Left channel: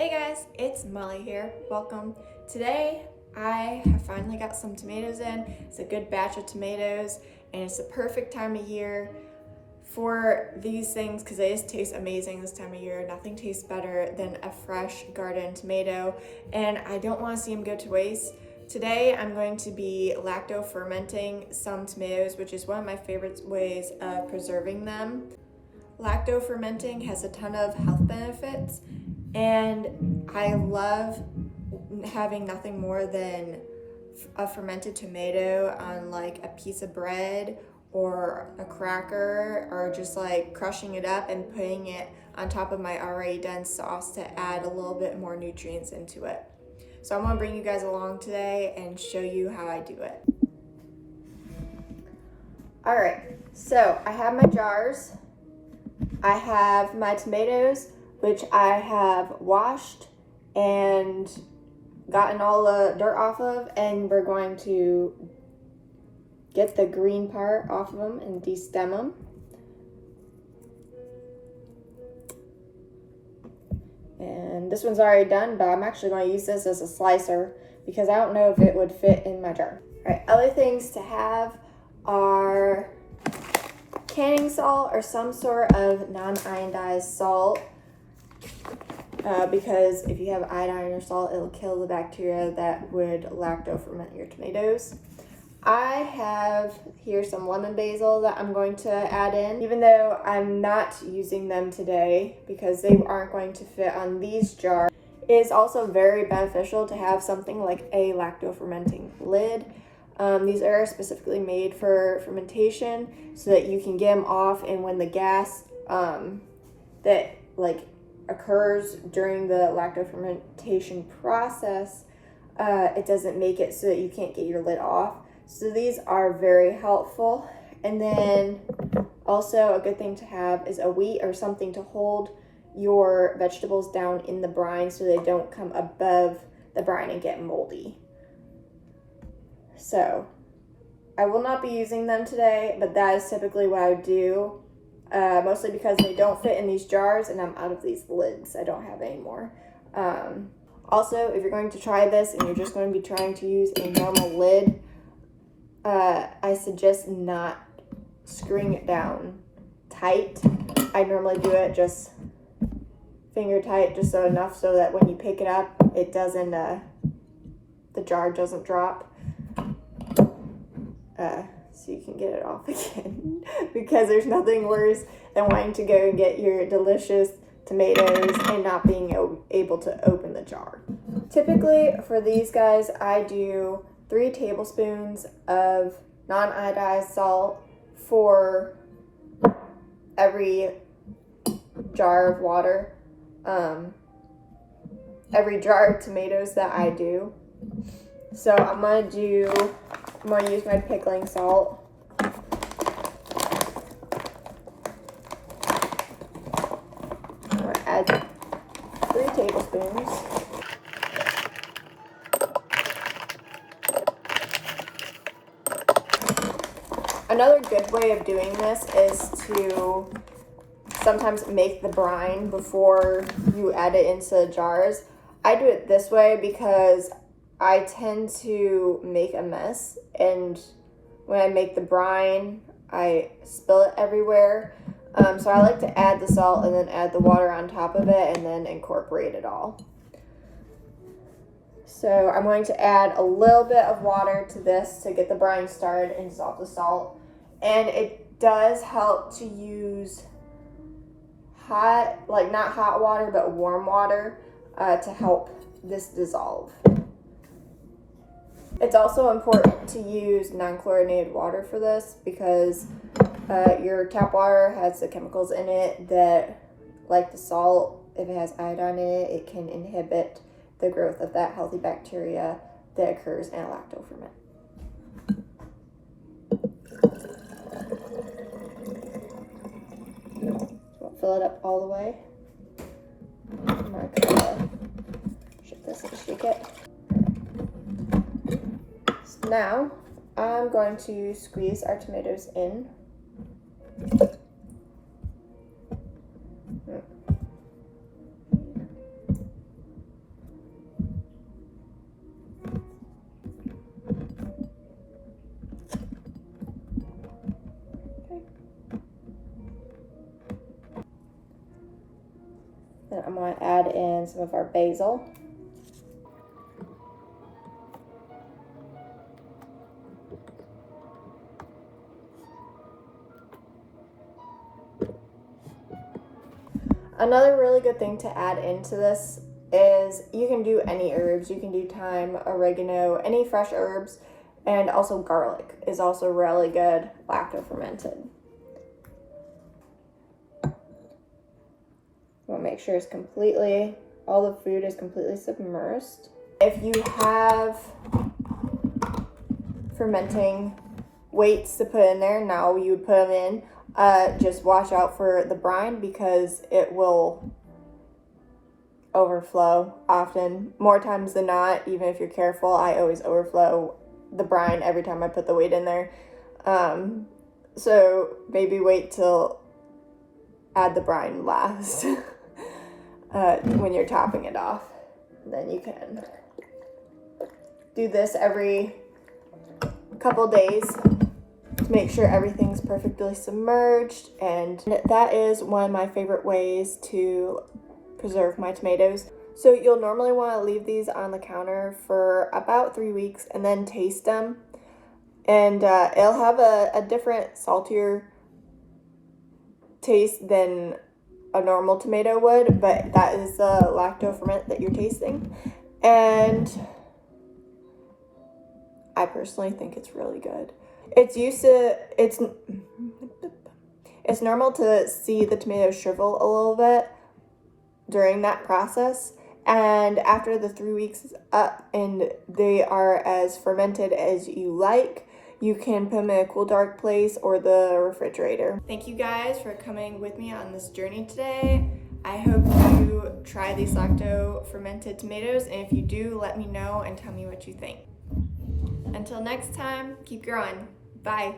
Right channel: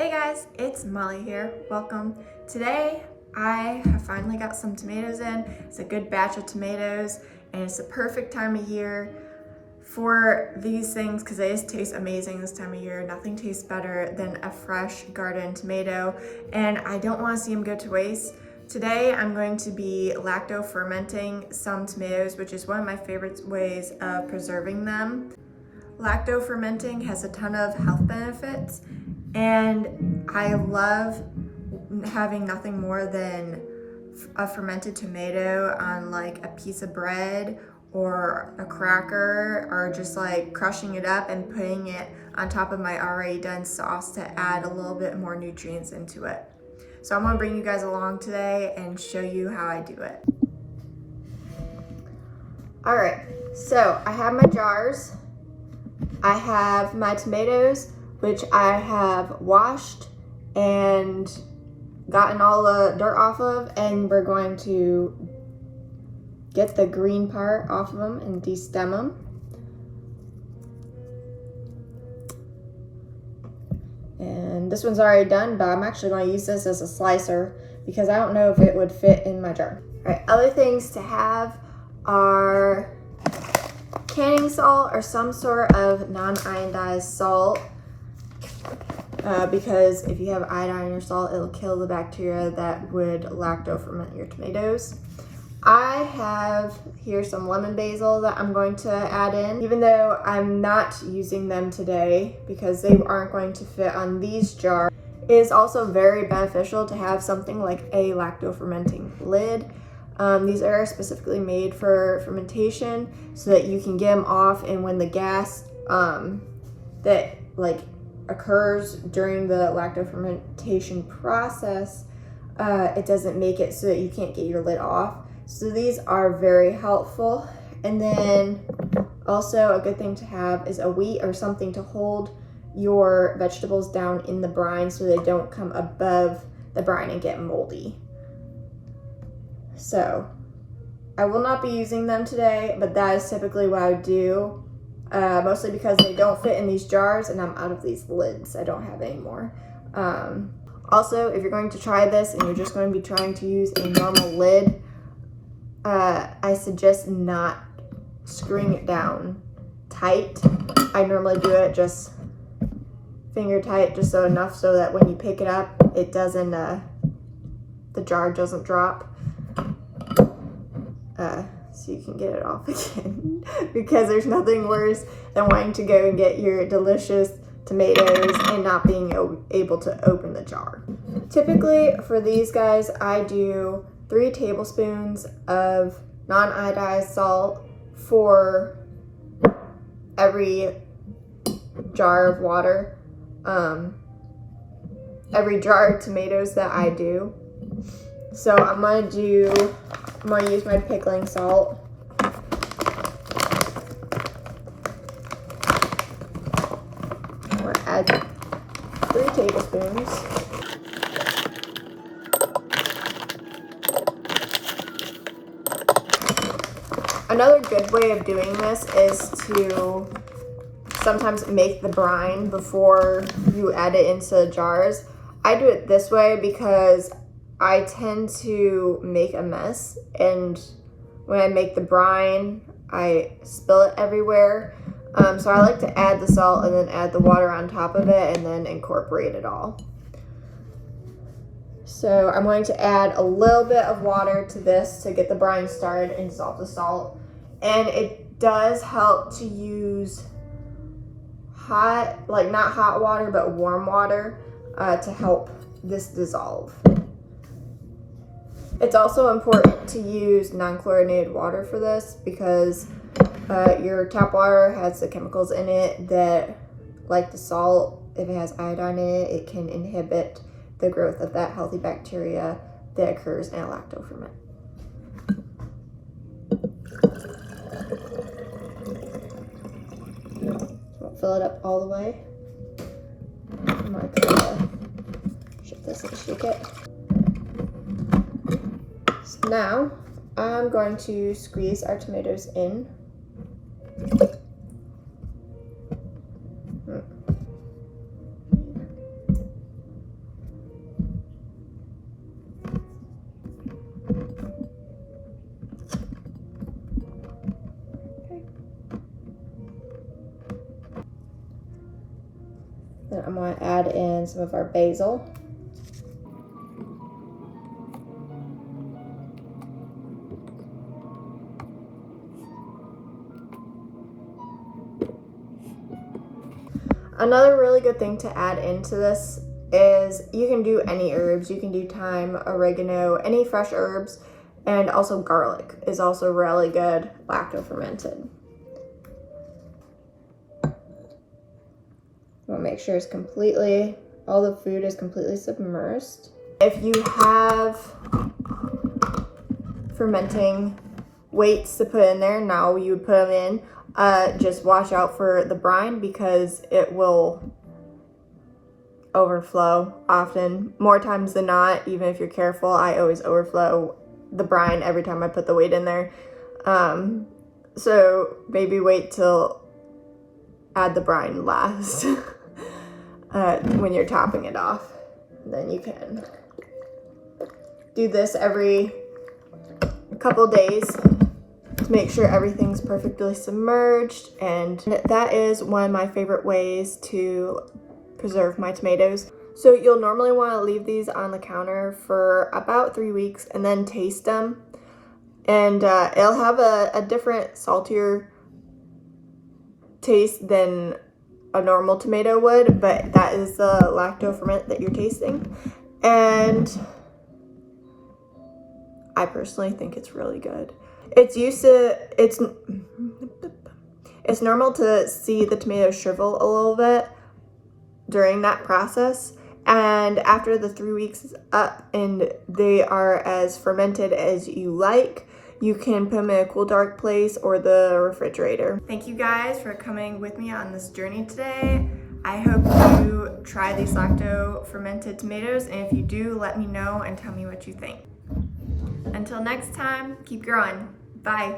Hey guys, it's Molly here. Welcome. Today I have finally got some tomatoes in. It's a good batch of tomatoes and it's the perfect time of year for these things because they just taste amazing this time of year. Nothing tastes better than a fresh garden tomato and I don't want to see them go to waste. Today I'm going to be lacto-fermenting some tomatoes, which is one of my favorite ways of preserving them. Lacto-fermenting has a ton of health benefits and I love having nothing more than a fermented tomato on like a piece of bread or a cracker, or just like crushing it up and putting it on top of my already done sauce to add a little bit more nutrients into it. So I'm gonna bring you guys along today and show you how I do it. All right, so I have my jars. I have my tomatoes, which I have washed and gotten all the dirt off of, and we're going to get the green part off of them and de-stem them. And this one's already done, but I'm actually going to use this as a slicer because I don't know if it would fit in my jar. All right, other things to have are canning salt or some sort of non-iodized salt. Because if you have iodine in your salt, it'll kill the bacteria that would lacto-ferment your tomatoes. I have here some lemon basil that I'm going to add in, even though I'm not using them today because they aren't going to fit on these jars. It is also very beneficial to have something like a lacto-fermenting lid. These are specifically made for fermentation so that you can get them off, and when the gas that occurs during the lacto-fermentation process, it doesn't make it so that you can't get your lid off. So these are very helpful. And then also a good thing to have is a wheat or something to hold your vegetables down in the brine so they don't come above the brine and get moldy. So I will not be using them today, but that is typically what I would do. Mostly because they don't fit in these jars and I'm out of these lids. I don't have any more. Also, if you're going to try this and you're just going to be trying to use a normal lid, I suggest not screwing it down tight. I normally do it just finger tight, just so enough so that when you pick it up, it doesn't, the jar doesn't drop. So you can get it off again because there's nothing worse than wanting to go and get your delicious tomatoes and not being able to open the jar. Typically for these guys, I do 3 tablespoons of non-iodized salt for every jar of water, every jar of tomatoes that I do. So I'm gonna use my pickling salt. I'm gonna add 3 tablespoons. Another good way of doing this is to sometimes make the brine before you add it into the jars. I do it this way because I tend to make a mess, and when I make the brine, I spill it everywhere. So I like to add the salt and then add the water on top of it and then incorporate it all. So I'm going to add a little bit of water to this to get the brine started and dissolve the salt. And it does help to use hot, not hot water, but warm water to help this dissolve. It's also important to use non-chlorinated water for this because your tap water has the chemicals in it that, like the salt, if it has iodine in it, it can inhibit the growth of that healthy bacteria that occurs in a lacto-ferment. So I'll fill it up all the way. I'm going to try to shift this and shake it. So now I'm going to squeeze our tomatoes in. want to add in some of our basil. Another really good thing to add into this is you can do any herbs. You can do thyme, oregano, any fresh herbs, and also garlic is also really good lacto-fermented. We'll make sure all the food is completely submersed. If you have fermenting weights to put in there, now you would put them in. Just watch out for the brine because it will overflow often. More times than not, even if you're careful, I always overflow the brine every time I put the weight in there. So maybe wait till add the brine last when you're topping it off. Then you can do this every couple days to make sure everything's perfectly submerged, and that is one of my favorite ways to preserve my tomatoes. So you'll normally want to leave these on the counter for about 3 weeks and then taste them, and it'll have a different saltier taste than a normal tomato would, but that is the lacto-ferment that you're tasting, and I personally think it's really good. It's normal to see the tomatoes shrivel a little bit during that process, and after the 3 weeks is up and they are as fermented as you like, you can put them in a cool, dark place or the refrigerator. Thank you guys for coming with me on this journey today. I hope you try these lacto-fermented tomatoes, and if you do, let me know and tell me what you think. Until next time, keep growing. Bye.